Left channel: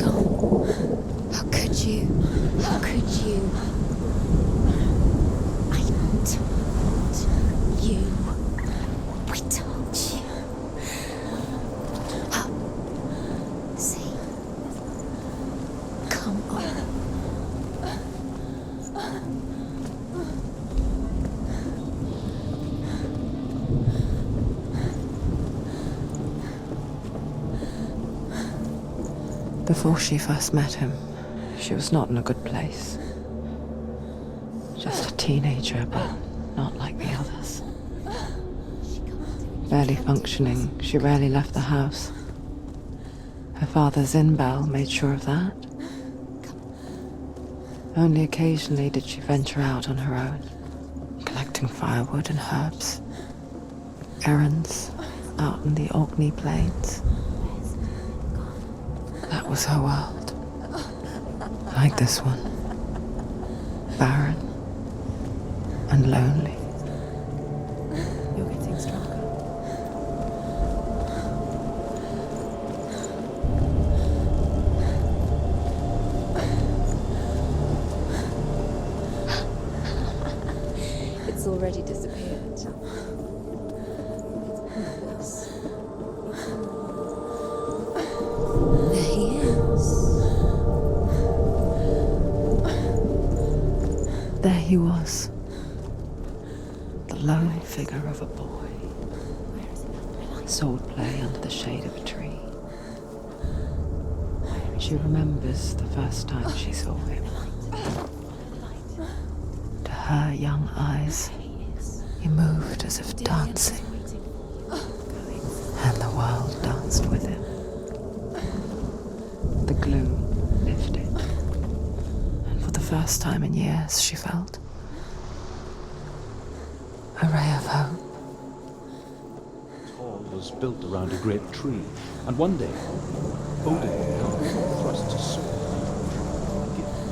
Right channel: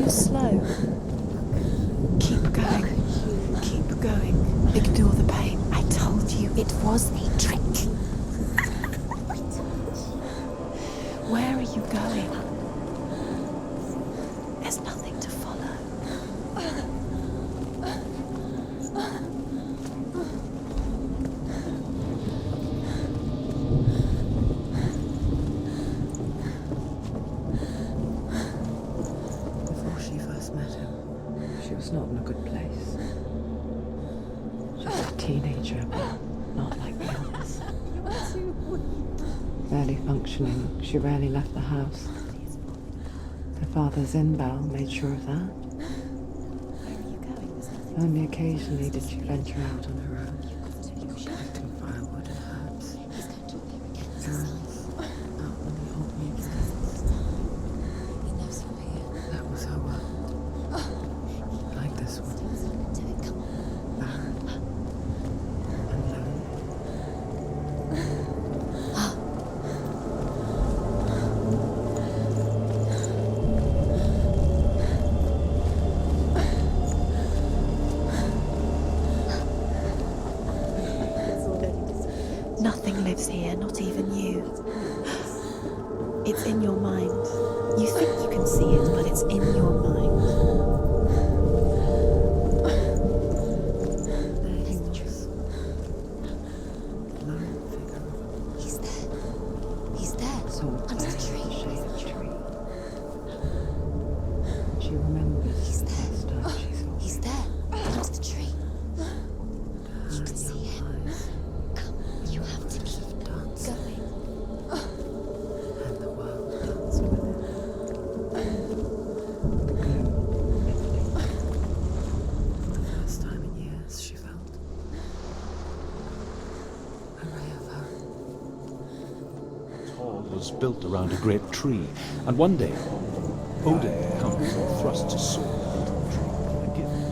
so slow? How could you? Keep going. How could you keep going? Ignore the pain. I told you it was he tricked you. I told you. Where are you going? See, There's nothing to follow. come on. Before she first met him, she was not in a good place. Just a teenager, but not like the others. Barely functioning, she rarely left the house. Her father's in-bell made sure of that. Only occasionally did she venture out on her own, collecting firewood and herbs. Errands out in the Orkney Plains. That was her world. Like this one. Barren and lonely. It's already disappeared. Nothing lives here, not even you. It's in your mind. You think you can see it, but it's in your mind. There he was. The lone figure of a boy. He's there. Sword play under the shade of a tree. She remembers the first time she saw him. There's the tree. To her young eyes, he moved as if dancing. And the world danced with him. The gloom lifted. And for the first time in years, she felt a ray of hope. Hall was built around a great tree, and one day, Odin would come and thrust his sword into the tree, a gift.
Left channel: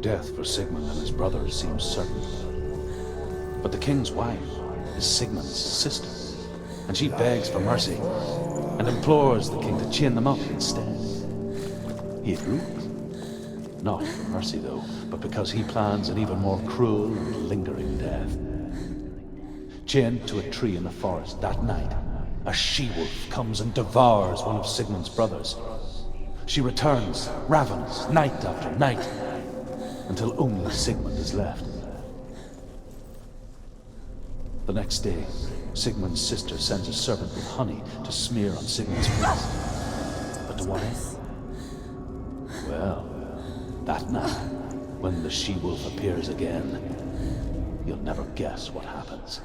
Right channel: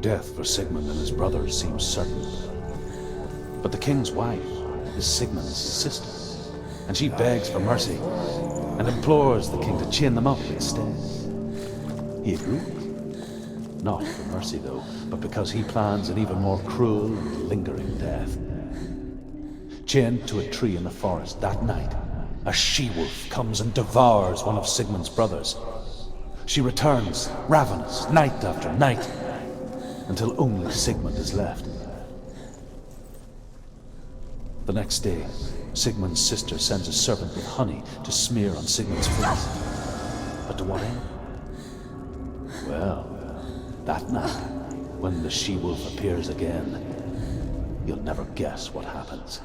Death for Sigmund and his brothers seems certain. But the king's wife is Sigmund's sister, and she begs for mercy and implores the king to chain them up instead. He agrees. Not for mercy, though, but because he plans an even more cruel and lingering death. Chained to a tree in the forest that night, a she-wolf comes and devours one of Sigmund's brothers. She returns, ravenous, night after night, until only Sigmund is left. The next day, Sigmund's sister sends a servant with honey to smear on Sigmund's face. But to what end? Well, that night, when the she-wolf appears again, you'll never guess what happens.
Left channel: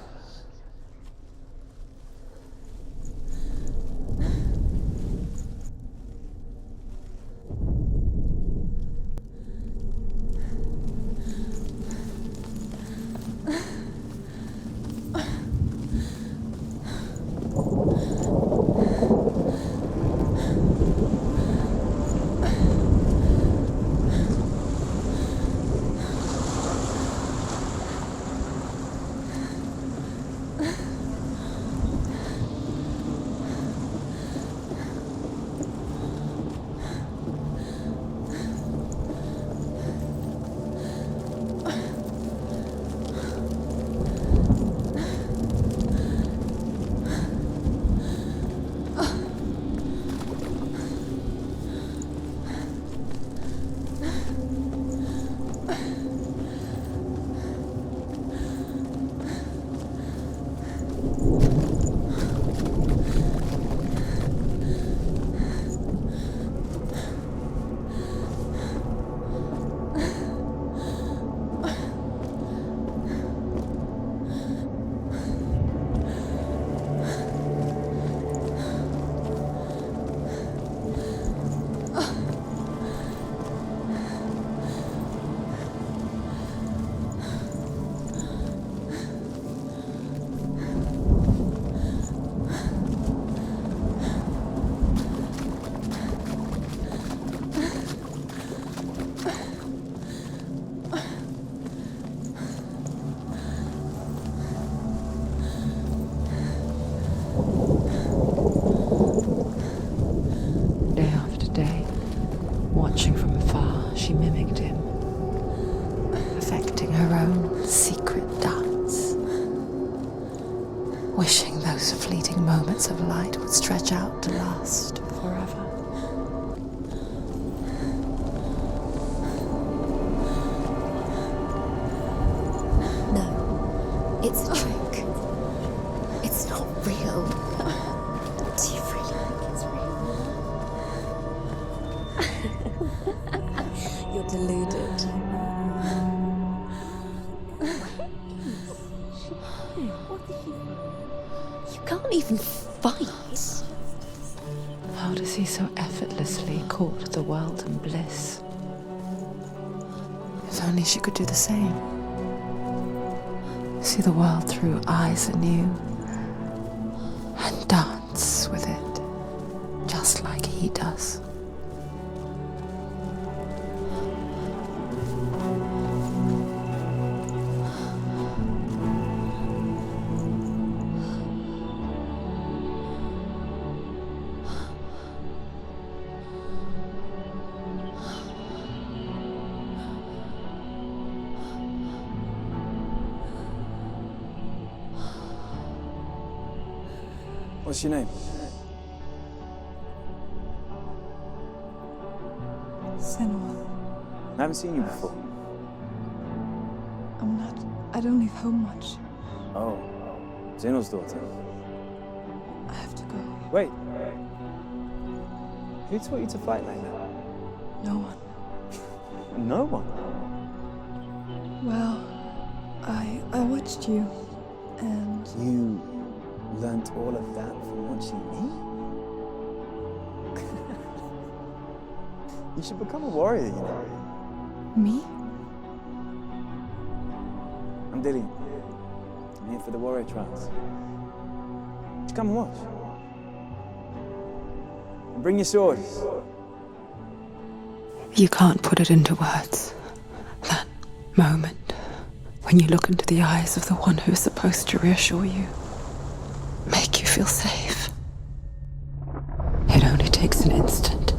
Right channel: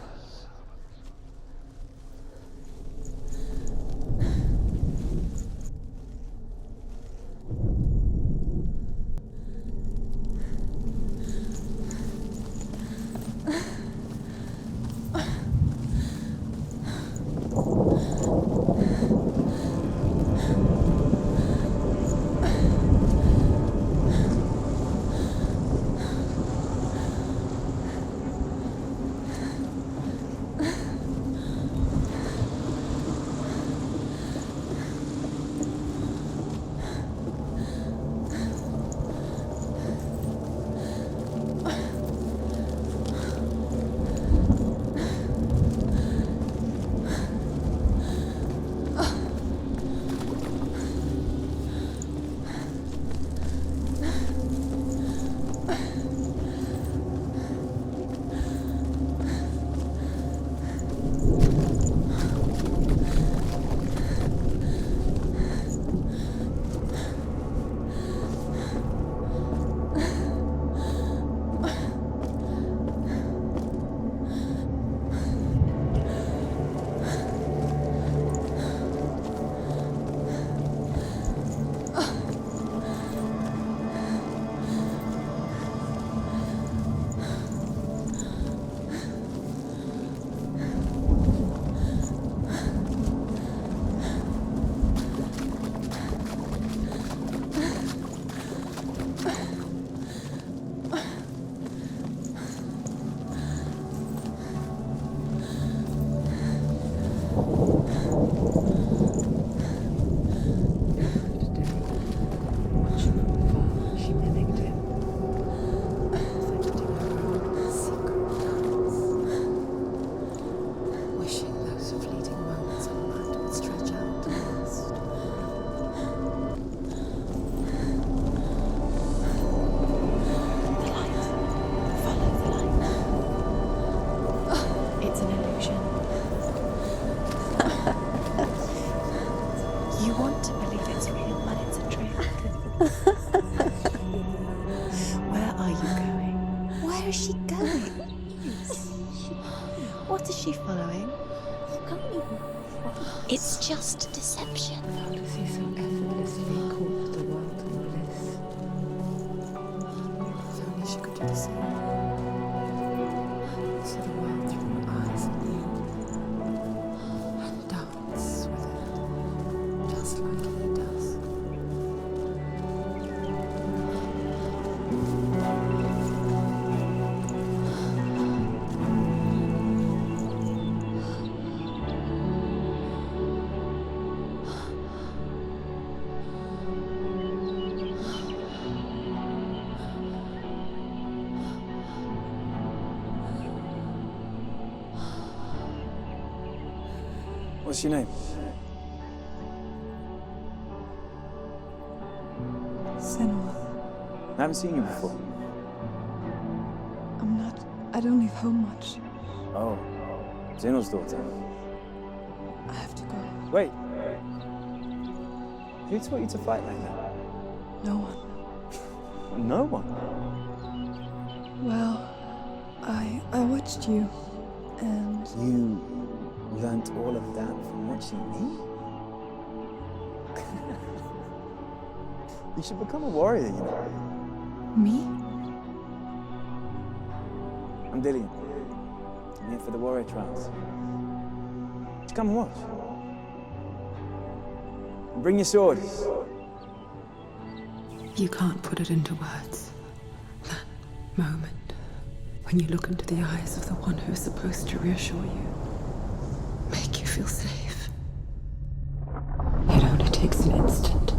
fight. It's just deception. How does he so effortlessly court the world and bliss? If only she could do the same. See the world through eyes anew and dance with it, just like he does. What's your name? Senua. I haven't seen you before. I don't leave home much. Oh, Zenua's daughter. I have to go. Wait. Who taught you to fight like that? No one. No one. Well, I watched you, and You learnt all of that from watching me? You should become a warrior, you know. me? I'm Dillian. I'm here for the warrior trials. Just come and watch. And bring your sword. You can't put it into words. That moment when you look into the eyes of the one who is supposed to reassure you, make you feel safe. It only takes an instant.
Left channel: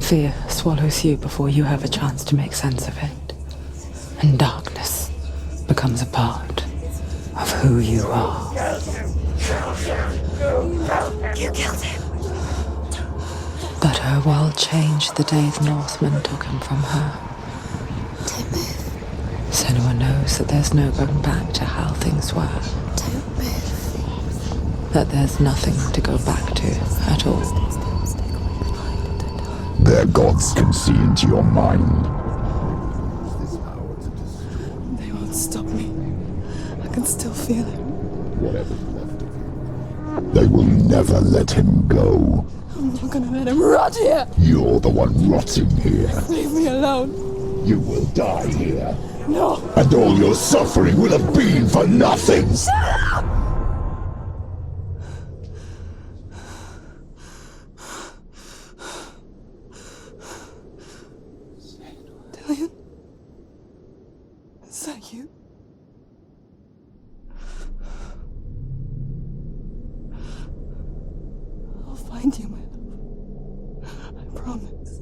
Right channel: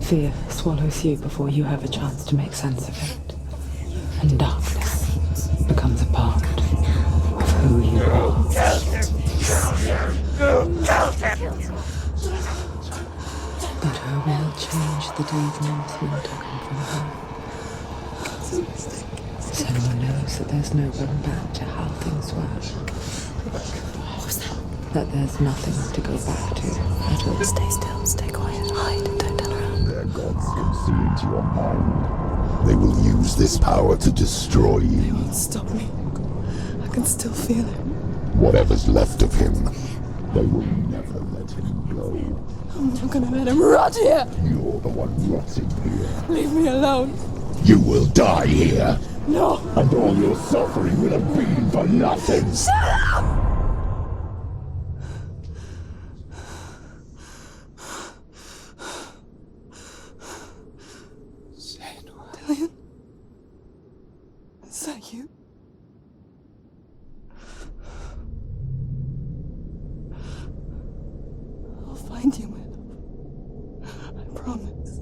Fear swallows you before you have a chance to make sense of it. And darkness becomes a part of who you are. But her world changed the day the Northmen took him from her. Senua knows that there's no going back to how things were. That there's nothing to go back to at all. Stay still, stay quiet, hide, don't tell her. Their gods can see into your mind. They will use this power to destroy They you. won't stop me. I can still feel him. Whatever's left of him, they will never let him go. I'm not gonna let him rot here! You're the one rotting here. Leave me alone! You will die here. No! And all your suffering will have been for nothing. Dillian? Is that you? I'll find you, my love. I promise.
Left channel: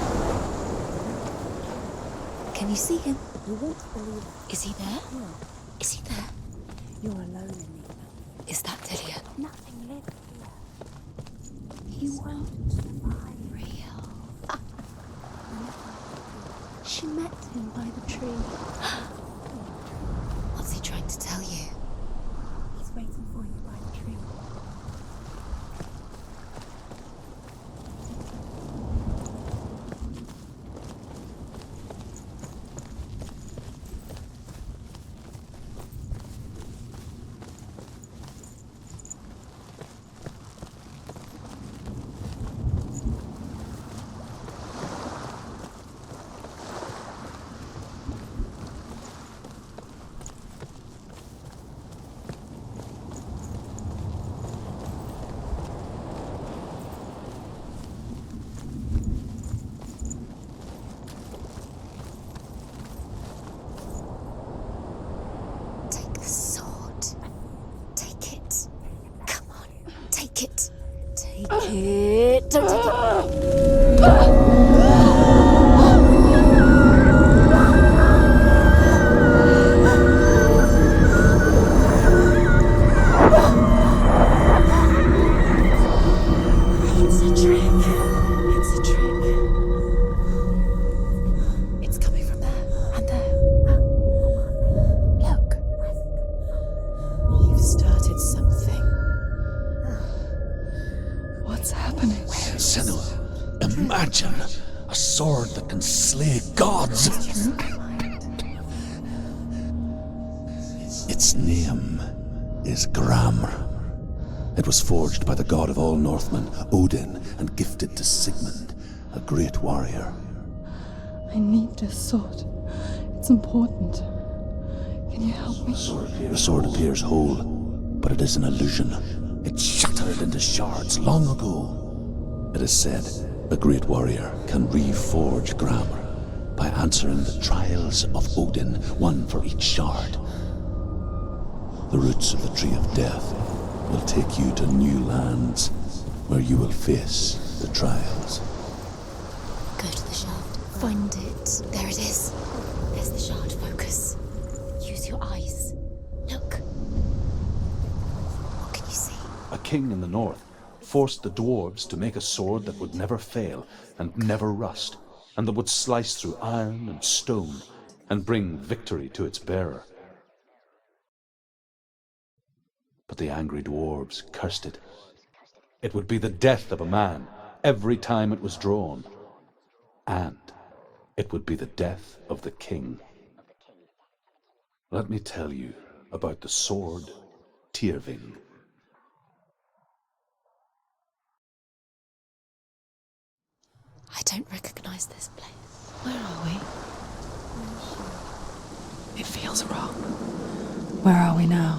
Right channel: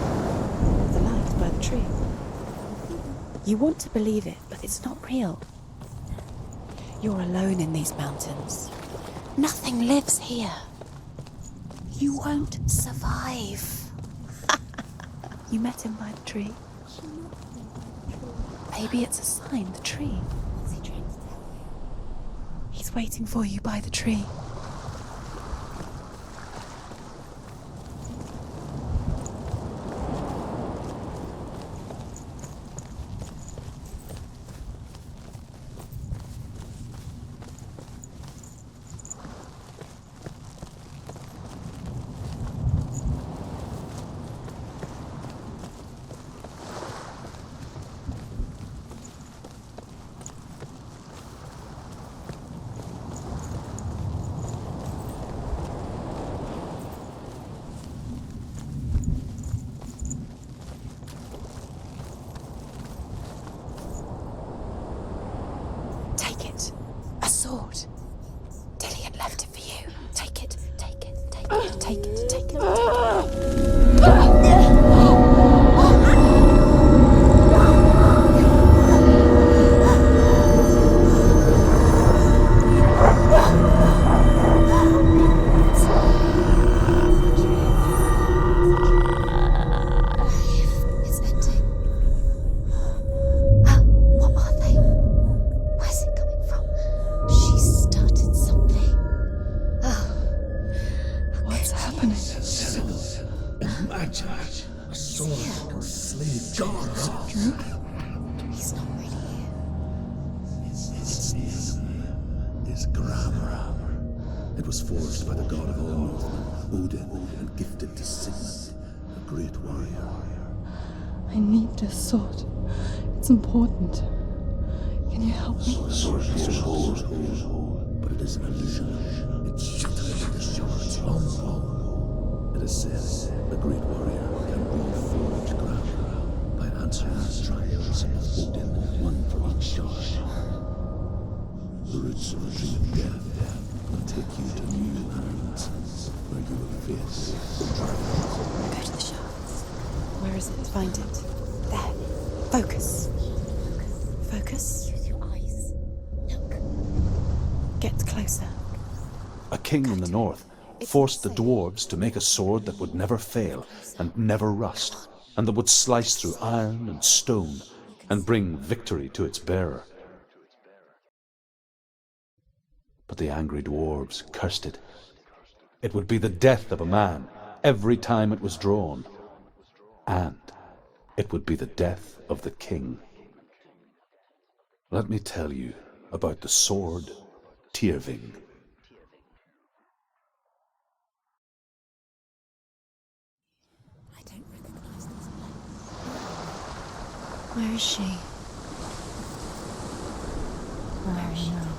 Landed by the tree. Can you see him? You want to believe it. Is he It's not there? real. Is he there? You're alone in these mountains. Is that Dillian? Nothing lives here. You won't survive. You met him by the tree. She met him by the tree. Maybe it's a sign, the tree. What's he trying to tell you? He's waiting for you by the tree. Take a sword. A sword. Take it. Dillian left it for you. Take it. Take it. Take it. Take it. It's a trick. It's a trick. It's ending. It's coming from there and there. What are they? Look. Where's it coming from? She started something. What's happening? imagine a sword that can slay gods? Its name is Gramr. It was forged by the god of all Northmen, Odin, and gifted to Sigmund, a great warrior. I need this sword. It's important. Can you help me? The sword appears whole, but it is an illusion. It shattered into shards long ago. It is said a great warrior can reforge Gramr by answering the trials of Odin, one for each shard. The roots of the Tree of Death will take you to new lands where you will face the trials. Go to the shard. Go to the shard. Find it. There it is. Focus. There's the shard. Focus. Focus. Use your eyes. Look. Get closer. What can you see? A king in the north forced the dwarves to make a sword that would never fail and never rust, and that would slice through iron and stone and bring victory to its bearer. But the angry dwarves cursed it. It would be the death of a man every time it was drawn, and it would be the death of the king. Let me tell you about the sword Tyrving. I don't recognize this place. Where are we? Where is she? It feels wrong. Where are we now?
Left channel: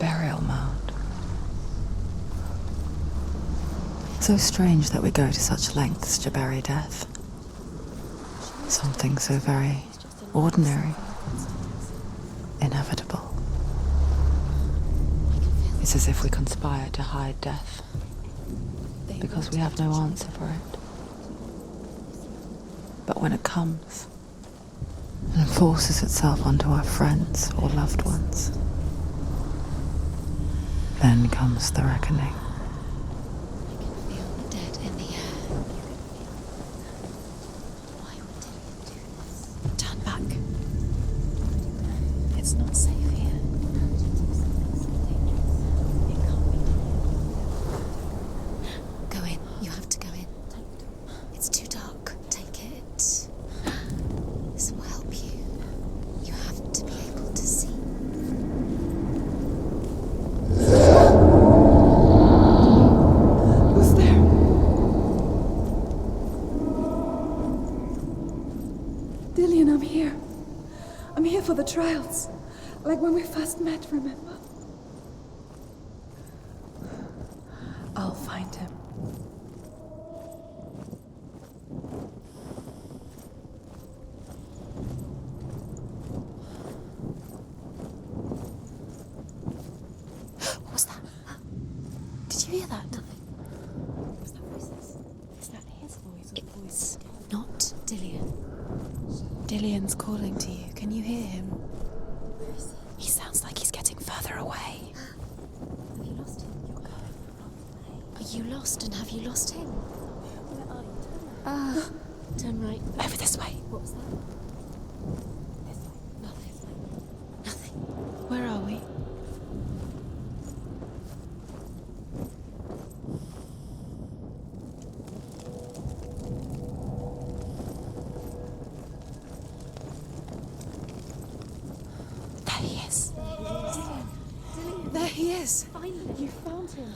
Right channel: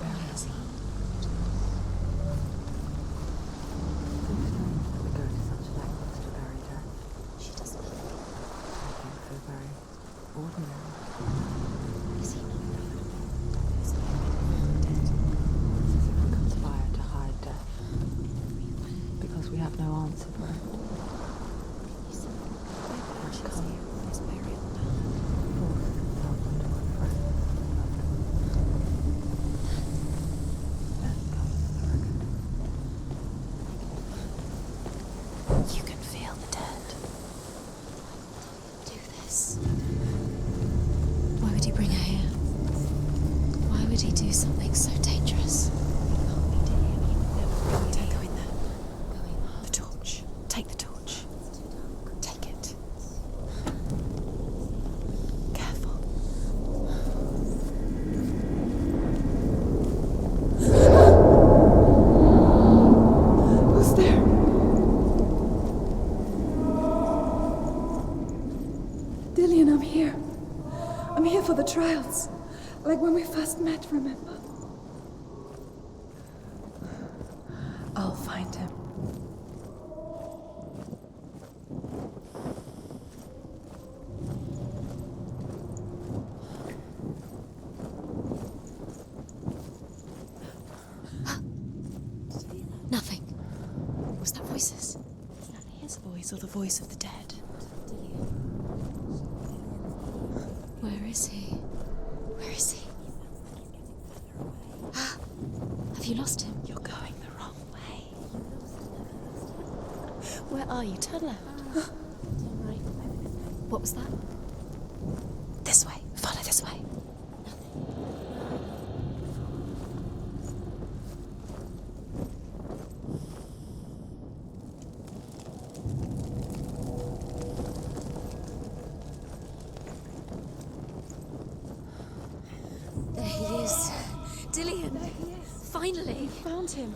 Burial mound. So strange that we go to such lengths to bury death. Something so very ordinary, inevitable. It's as if we conspire to hide death, because we have no answer for it. But when it comes and forces itself onto our friends or loved ones, then comes the reckoning. Dead in the air. You can feel the dead. Why would he do this? Turn back. Why would he bring her here? It's not safe here. Why would he do something so dangerous? Don't go in there. Go in. You have to go in. Take the torch. It's too dark. Take it. This will help you. Careful. You have to be able to see. Who's there? Dillian, I'm here. I'm here for the trials. Like when we first met, remember? I'll find him. What's that? Did you hear that? Nothing. Was that voices? Is that his voice or the voice of the dead? Not Dillian. Dillian's calling to you. Can you Where is hear he? him? Where is he? He sounds like he's getting further away. Have you lost him? You're going the wrong way. Are you lost and have you lost him? Where are you? Turn left. Turn right. Over this way. What was that? This way. Follow this way. Nothing. Where are we? There he is. There he is. Dillian. There he is. Finally. Found him.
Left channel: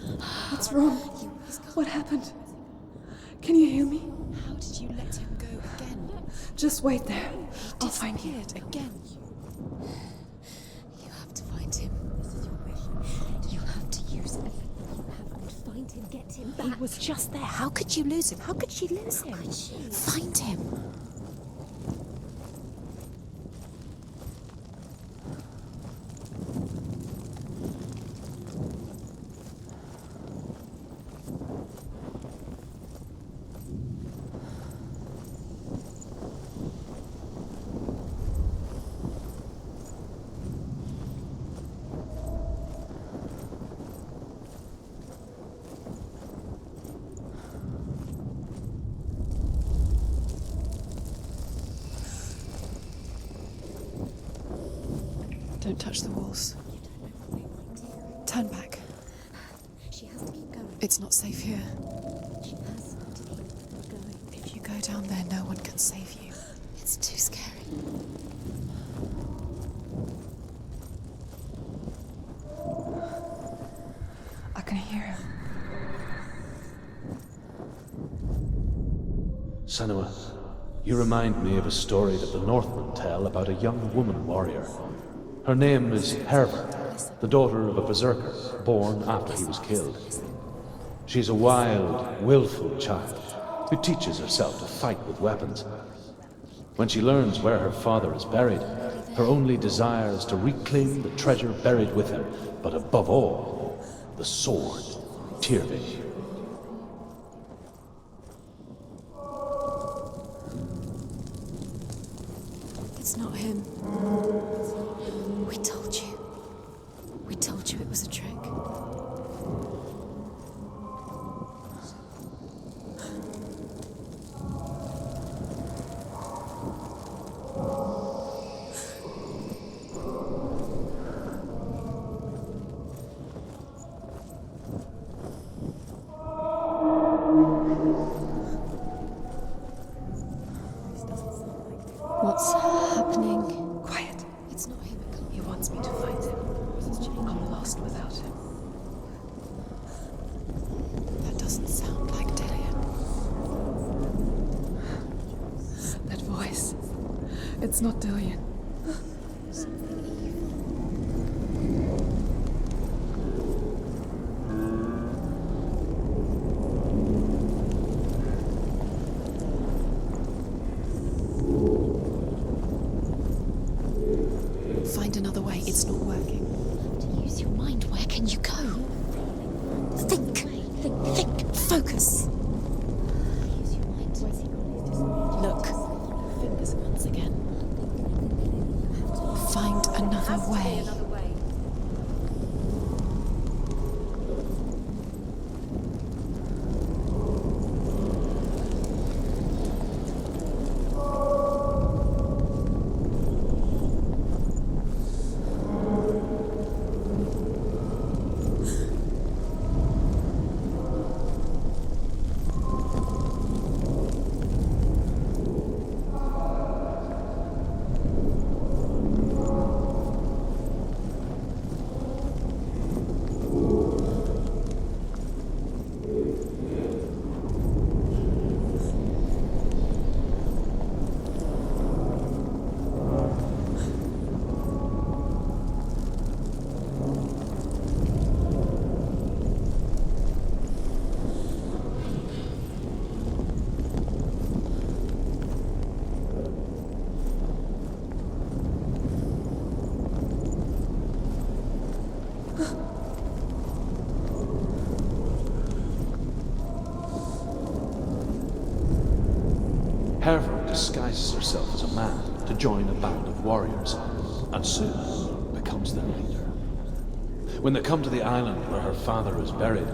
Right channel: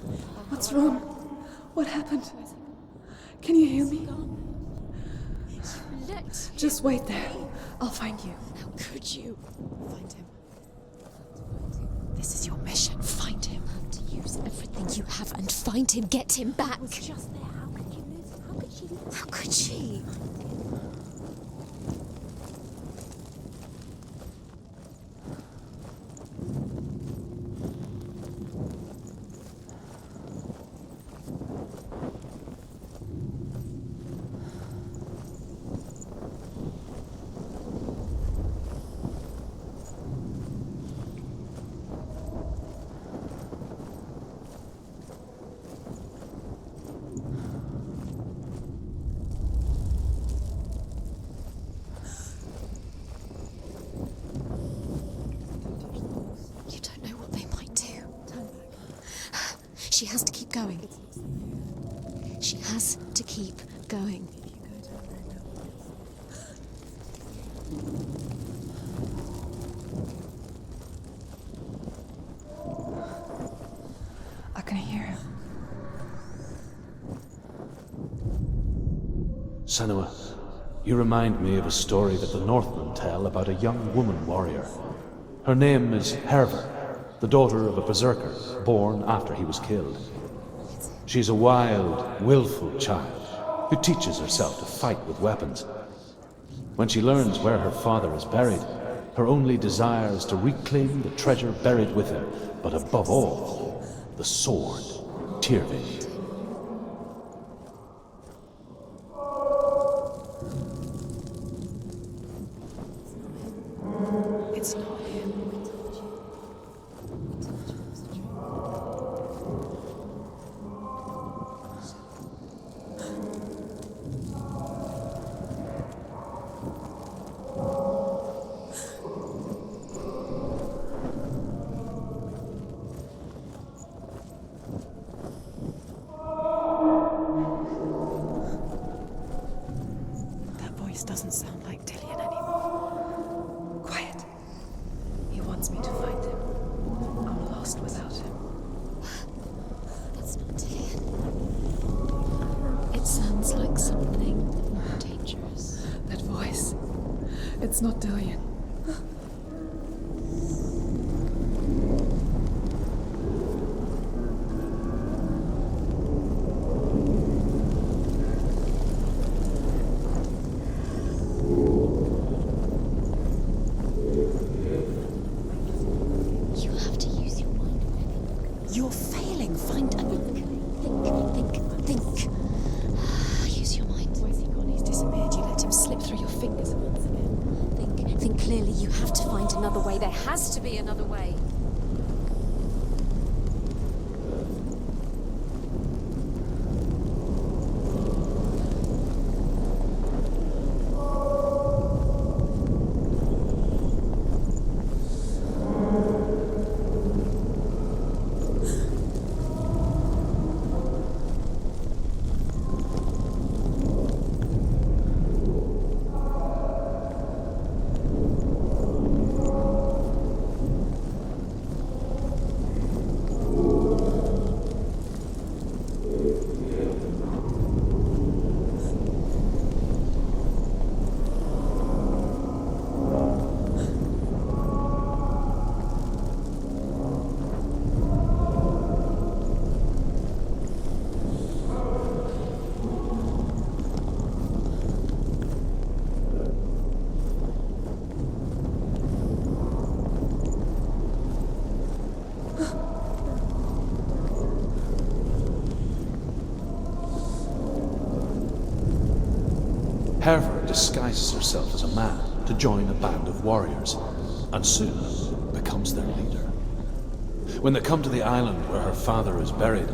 What's wrong? What happened? Can you hear me? How did you let him go? Just wait there. I'll find you. How could you? You have to find him. This is your mission. Find him. You have to use everything you have and find him. Get him back. He was just there. How could you lose him? How could she lose him? How could she? Find him. Don't touch the walls. You don't know what they might do. Turn back. She has to keep going. It's not safe here. She has to keep going. If you go down there, no one can save you. It's too scary. I can hear him. Senua, you remind me of a story that the Northmen tell about a young woman warrior. Her name is Herver, the daughter of a berserker born after he was killed. She's a wild, willful child who teaches herself to fight with weapons. When she learns where her father is buried, her only desire is to reclaim the treasure buried with him, but above all, the sword, Tyrving. It's not him. It's not him. We told you. We told you it was a trick. That voice doesn't sound like Dillian. What's happening? Quiet. It's not him. He wants me to find him. I'm lost without him. It's not Dillian. That doesn't sound like Dillian. It sounds like something dangerous. That voice. It's not Dillian. Find another way. It's not working. You have to use your mind. Where can you go? You're failing. Find a Think. Think. Focus. Use your mind. Where's he gone? He's disappeared. You let him slip through your fingers once again. Think clearly. You have to find another way. There has to be another way. Herver disguises herself as a man to join a band of warriors, and soon becomes their leader. When they come to the island where her father is buried,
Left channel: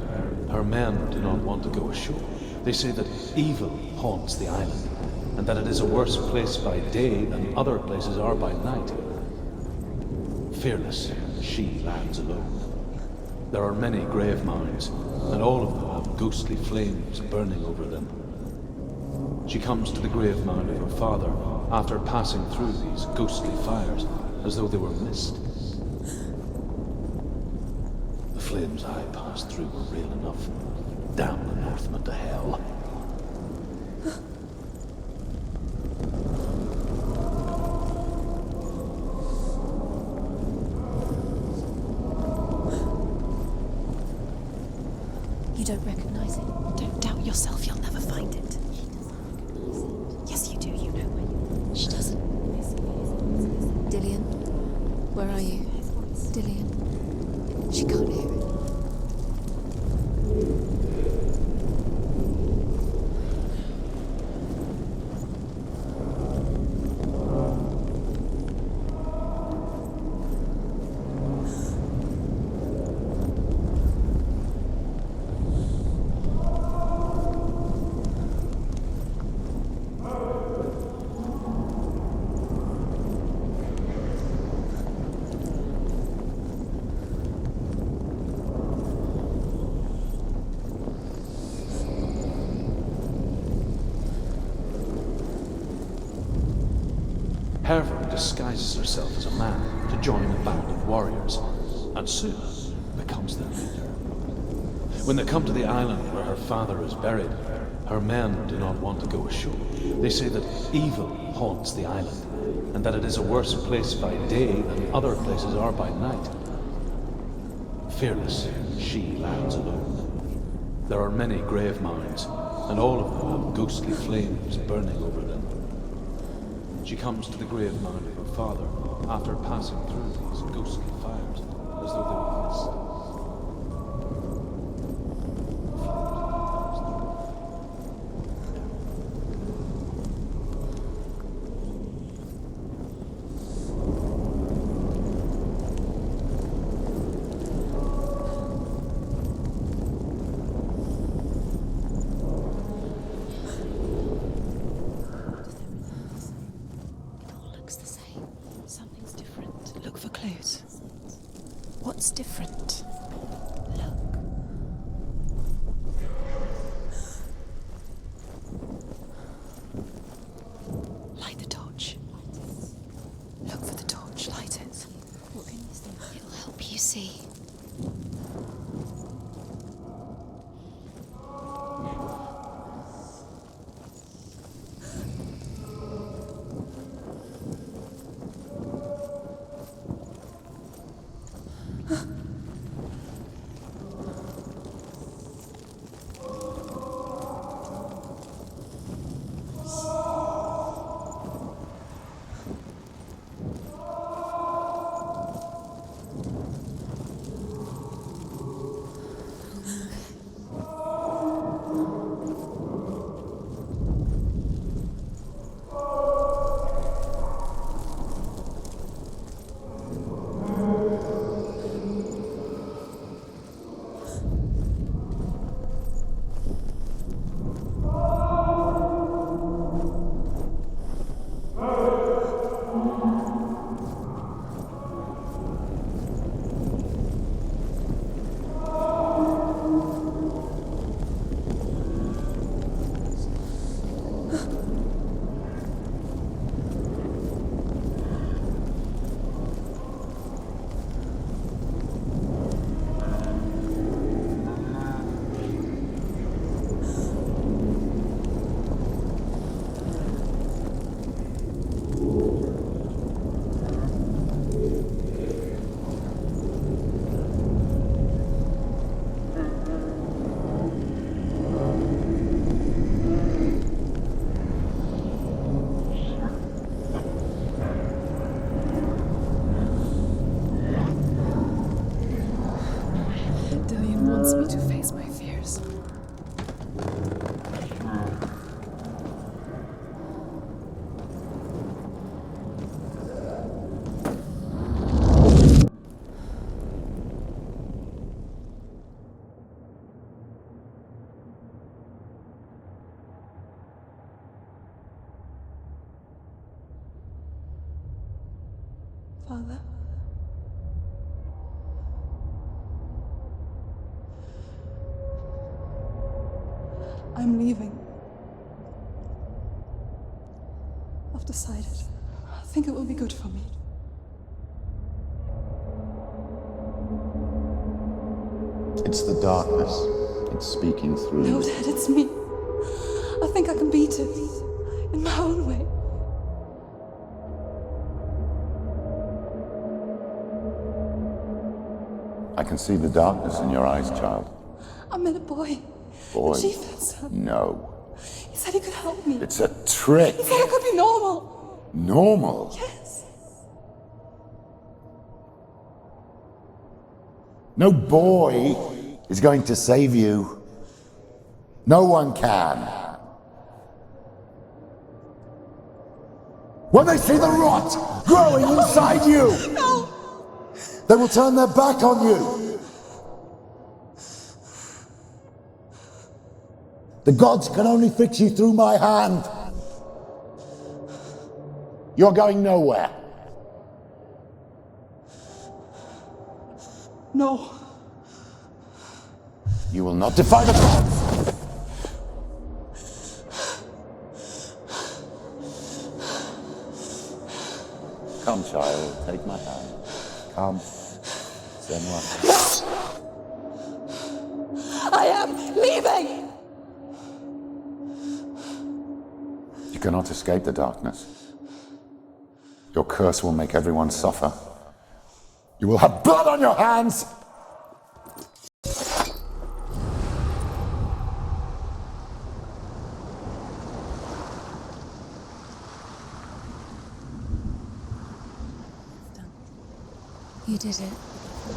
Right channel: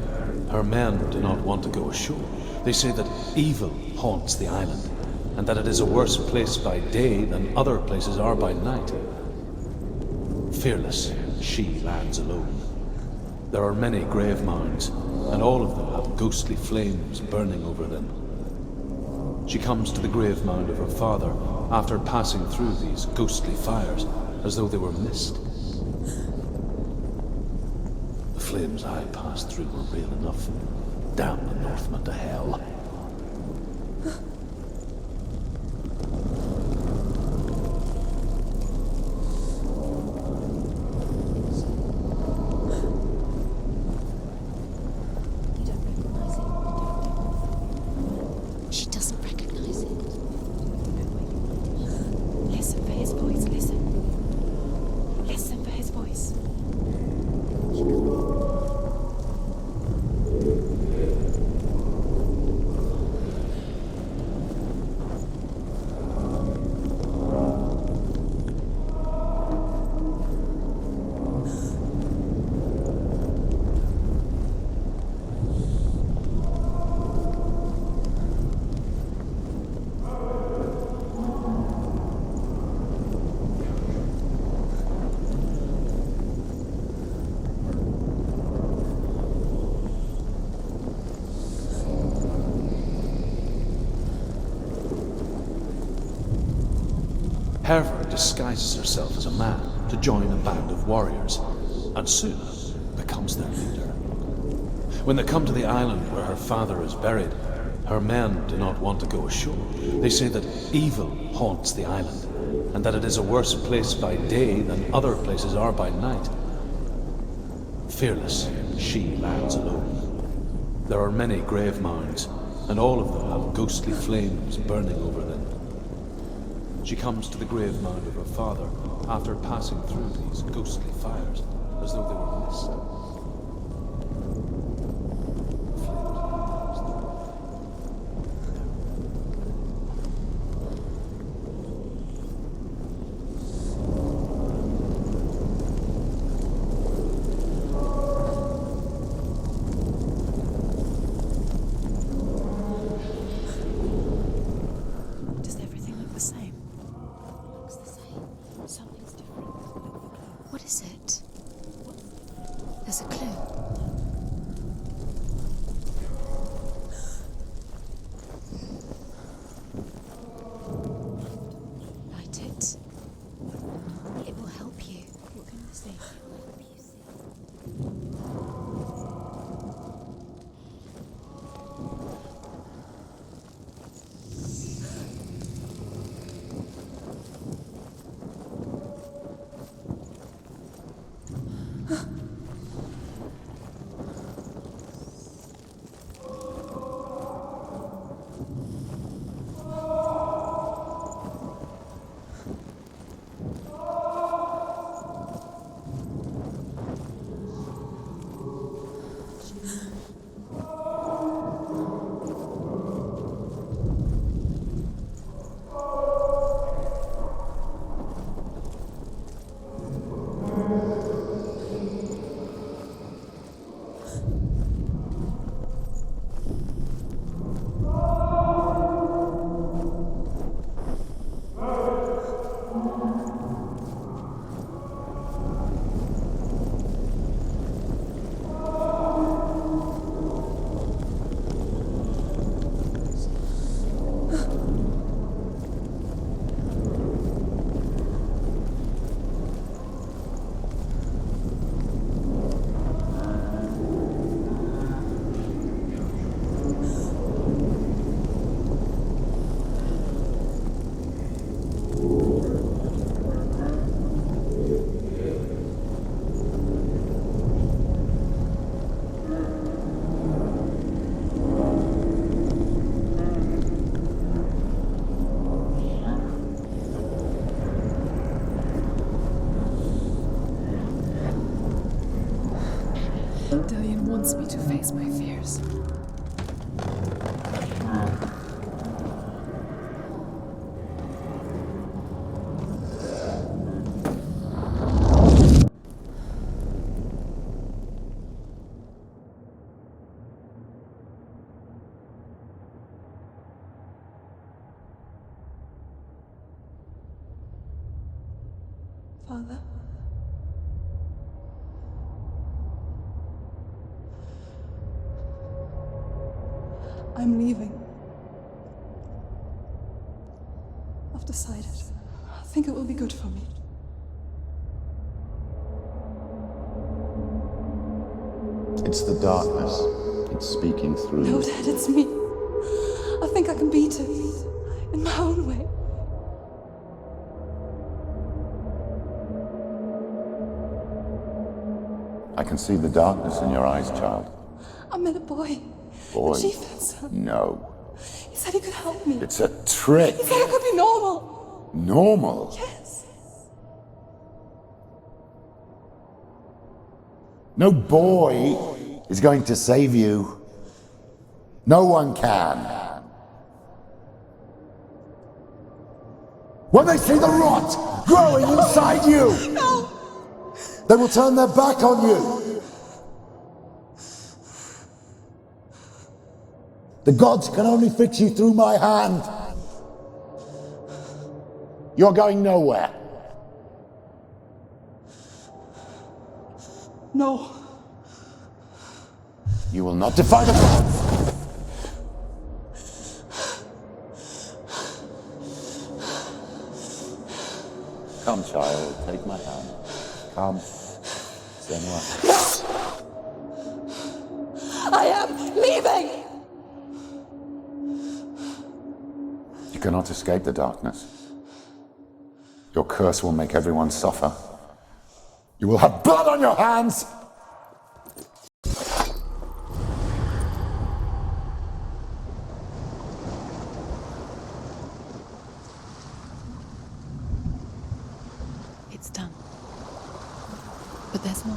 her men do not want to go ashore. They say that evil haunts the island, and that it is a worse place by day than other places are by night. Fearless, she lands alone. There are many grave mounds, and all of them have ghostly flames burning over them. She comes to the grave mound of her father after passing through these ghostly fires, as though they were mist. The flames I passed through were real enough. Damn the Northmen to hell. You don't recognize it. Don't doubt yourself. You'll never find it. She doesn't recognize it. Yes, you do. You know where you are. She doesn't. Listen for his voice. Listen. Dillian, where are Listen you? for his voice. Dillian. She can't hear. disguises herself as a man to join a band of warriors, and soon becomes their leader. When they come to the island where her father is buried, her men do not want to go ashore. They say that evil haunts the island, and that it is a worse place by day than other places are by night. Fearless, she lands alone. There are many grave mounds, and all of them have ghostly flames burning over them. She comes to the grave mound of her father after passing through these ghostly fires, as though they were mist. Does everything look the same? Looks the same. Something's different. Look for clues. What is it? What's different? There's a clue. Look. Light the torch. Light it. Look for the torch. Light it. You. What can this do? It'll help you see. Dillian wants me to face my fears. Father? I'm leaving. I've decided. I think it will be good for me. It's the darkness. It's speaking through No, you. Dad, it's me. I think I can beat it. In my own way. I can see the darkness in your eyes, child. I met a boy. Boy. The chieftain's son. No. He said he could help me. It's a trick. He said I could be normal. Normal. Yes. No boy is going to save you. No one can. When they see the rot growing inside you, No. they will turn their back on you. The gods can only fix you through my hand. You're going nowhere. No. You will not defy the gods. Come, child, take my hand. Come, Senua. I am leaving! You cannot escape the darkness. Your curse will make everyone suffer. You will have blood on your hands! It's done. You did it. But there's more.